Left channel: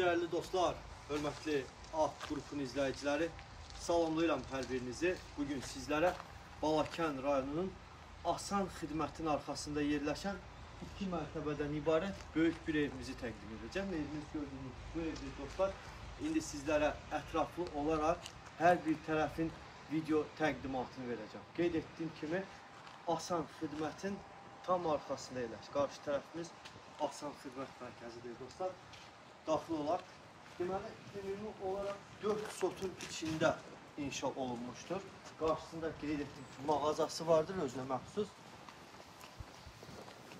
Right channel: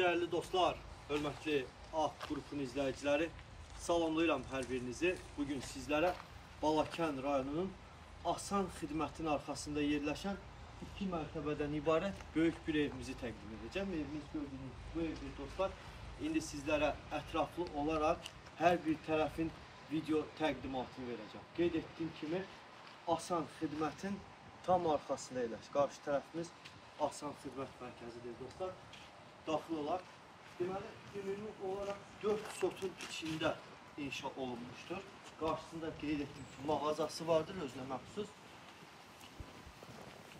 Değerli dostlar, hörmətli AQ qrupunun izləyiciləri, salamlayıram hər birinizi. Bugün sizlərə Balakən rayonunun Asan xidmətin arxasında yerləşən 2 mərtəbədən ibarət böyük bir evimizi təqdim edəcəm. Evimiz gördüyünüz bu evdir dostlar. İndi sizlərə ətraflı olaraq hər bir tərəfin video təqdimatını verəcəm. Qeyd etdiyim kimi Asan xidmətin tam arxasında yerləşir. Qarşı tərəfimiz Asan xidmət mərkəzidir dostlar. Daxil olaraq, deməli, ümumi olaraq 4 sotun içində inşa olunmuşdur. Qarşısında qeyd etdiyim ki, mağazası vardır, özünə məxsus.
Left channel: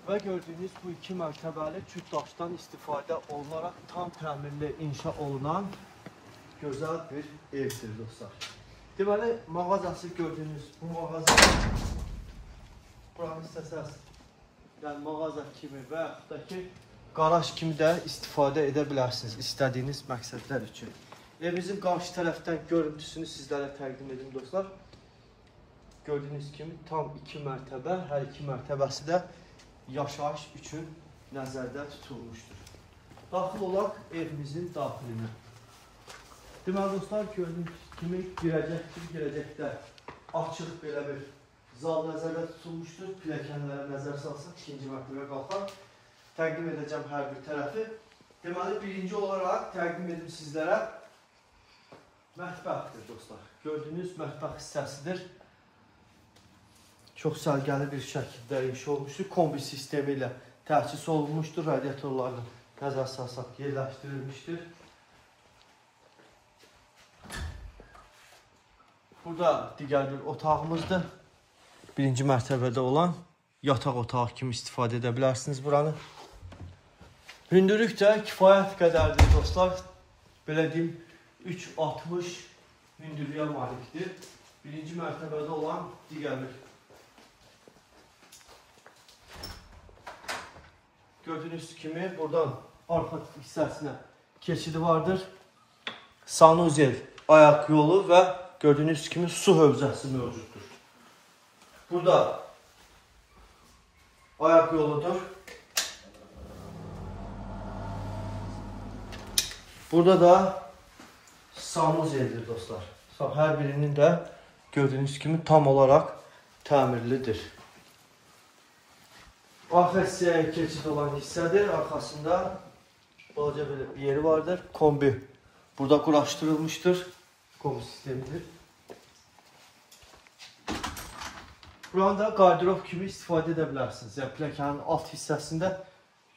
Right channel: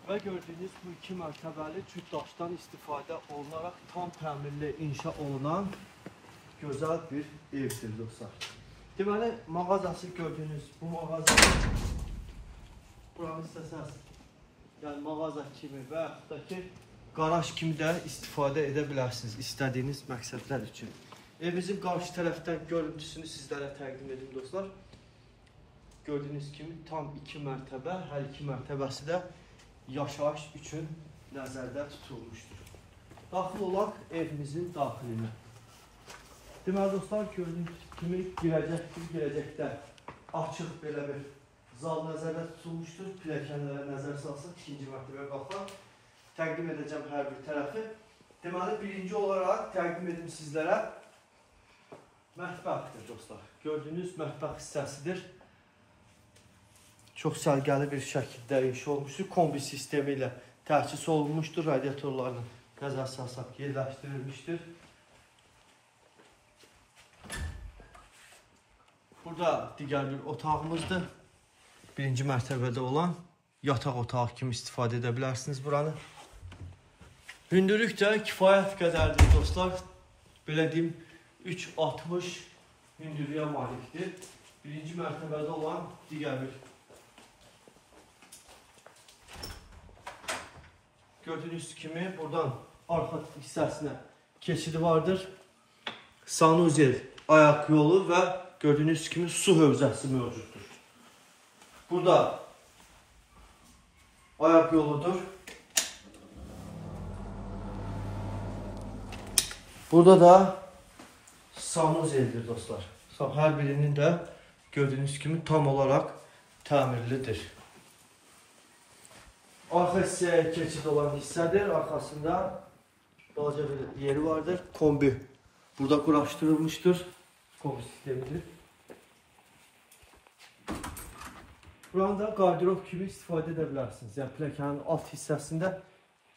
Və gördüyünüz bu 2 mərtəbəli cüt daşdan istifadə olunaraq tam təmirli inşa olunan gözəl bir evdir dostlar. Deməli, mağazası gördüyünüz bu mağaza, buranın istəsəz, yəni mağaza kimi və yaxud da ki, qaraj kimi də istifadə edə bilərsiniz istədiyiniz məqsədlər üçün. Evimizin qarşı tərəfdən görüntüsünü sizlərə təqdim edim dostlar. Gördüyünüz kimi tam 2 mərtəbə, hər 2 mərtəbəsi də yaşayış üçün nəzərdə tutulmuşdur. Daxil olaq evimizin daxilinə. Deməli dostlar, gördüyünüz kimi girəcəkdə açıq belə bir zal nəzərdə tutulmuşdur. Pilləkənlərə nəzər salsaq, 2-ci mərtəbə qalxaq. Təqdim edəcəm hər bir tərəfi. Deməli, birinci olaraq təqdim edim sizlərə mətbəxdir dostlar. Gördüyünüz mətbəx hissəsidir. Çox sərgəli bir şəkildə inşa olmuşdur. Kombi sistemi ilə təsis olunmuşdur. Radiatorlarını nəzər salsaq yerləşdirilmişdir. Burada digər bir otağımızdır. Birinci mərtəbədə olan yataq otağı kimi istifadə edə bilərsiniz buranı. Hündürlük də kifayət qədərdir dostlar. Belə deyim, 3.60 hündürlüyə malikdir. Birinci mərtəbədə olan digər bir. Gördüyünüz kimi buradan arxa hissəsinə keçidi vardır. Sanuzel ayaq yolu və gördüyünüz kimi su hövzəsi mövcuddur. Burada ayaq yoludur. Burada da sanuzeldir dostlar. Hər birinin də gördüyünüz kimi tam olaraq təmirlidir. Arxa hissəyə keçid olan hissədir. Arxasında balaca bir yeri vardır. Kombi burada quraşdırılmışdır. Kombi sistemidir. Buranı da qardirob kimi istifadə edə bilərsiniz. Yəni pilləkənin alt hissəsində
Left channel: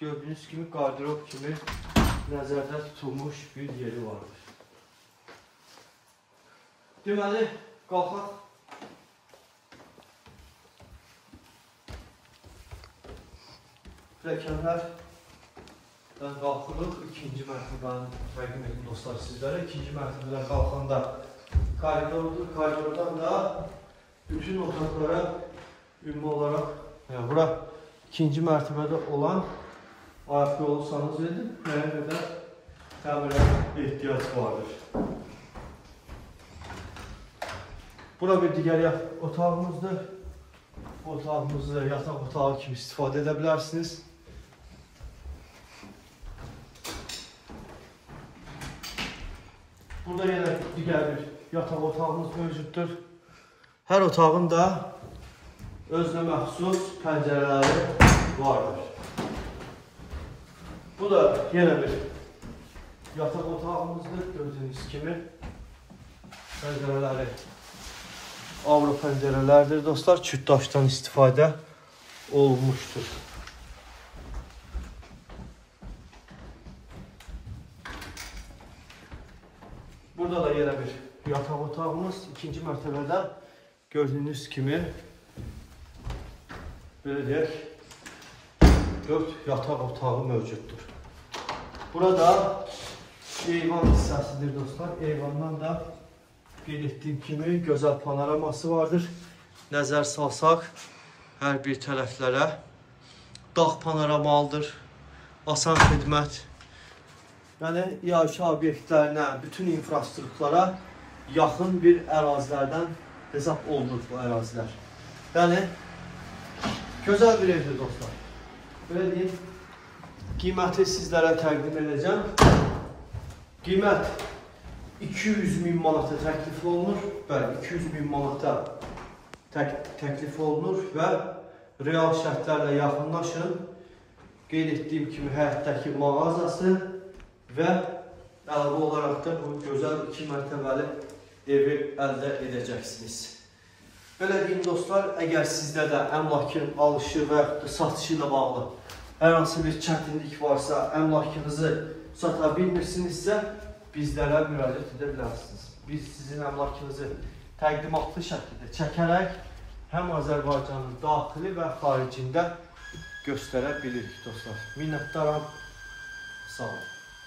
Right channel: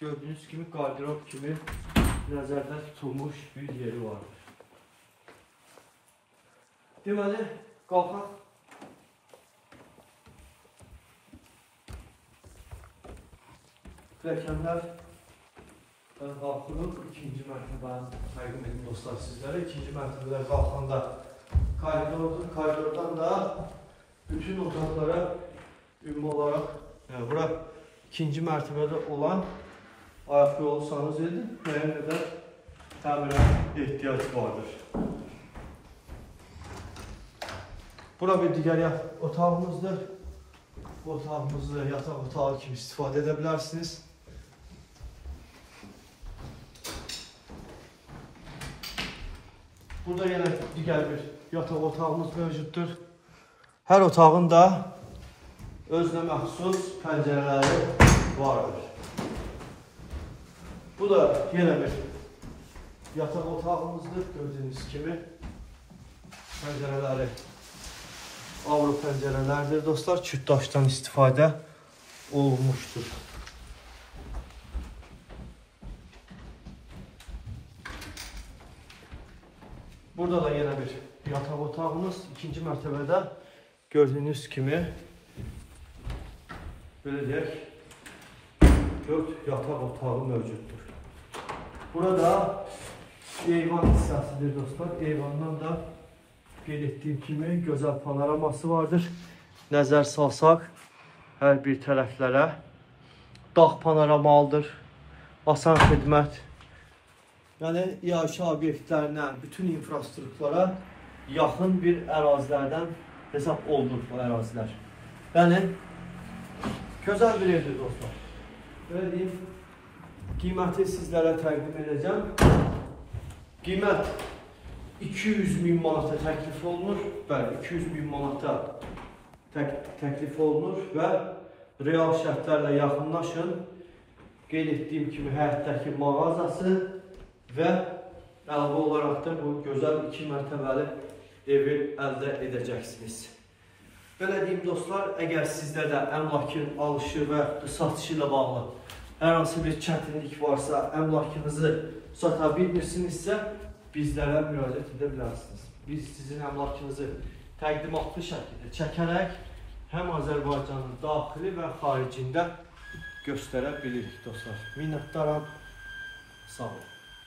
gördüyünüz kimi qardirob kimi nəzərdə tutulmuş bir yeri vardır. Deməli, qalxaq. Pilləkənlərdən qalxırıq. İkinci mərtəbənin təqdim edim dostlar sizlərə. İkinci mərtəbədən qalxanda koridordur. Koridordan da bütün otaqlara ümumi olaraq, yəni bura ikinci mərtəbədə olan ayaq yolu sanuzeldir. Müəyyən qədər təmirə ehtiyac vardır. Bura bir digər otağımızdır. Bu otağımızı yataq otağı kimi istifadə edə bilərsiniz. Burada yenə digər bir yataq otağımız mövcuddur. Hər otağın da özünə məxsus pəncərələri vardır. Bu da yenə bir yataq otağımızdır. Gördüyünüz kimi pəncərələri avro pəncərələrdir dostlar. Çüt daşdan istifadə olunmuşdur. Burada da yenə bir yataq otağımız. İkinci mərtəbədə gördüyünüz kimi belə deyək 4 yataq otağı mövcuddur. Burada eyvan hissəsidir dostlar. Eyvandan da qeyd etdiyim kimi gözəl panoraması vardır. Nəzər salsaq hər bir tərəflərə dağ panoramalıdır. Asan xidmət. Yəni yaşayış obyektlərinə, bütün infrastrukturlara yaxın bir ərazilərdən hesab olunur bu ərazilər. Yəni gözəl bir evdir dostlar. Belə deyim, qiyməti sizlərə təqdim edəcəm. Qiymət 200.000 manata təklif olunur. Bəli, 200.000 manata təklif olunur və real şərtlərlə yaxınlaşın. Qeyd etdiyim kimi həyətdəki mağazası və əlavə olaraq da bu gözəl 2 mərtəbəli evi əldə edəcəksiniz. Belə deyim dostlar, əgər sizdə də əmlakın alışı və satışı ilə bağlı hər hansı bir çətinlik varsa, əmlakınızı sata bilmirsinizsə, bizlərə müraciət edə bilərsiniz. Biz sizin əmlakınızı təqdimatlı şəkildə çəkərək həm Azərbaycanın daxili və xaricində göstərə bilirik dostlar. Minnətdaram, sağ olun.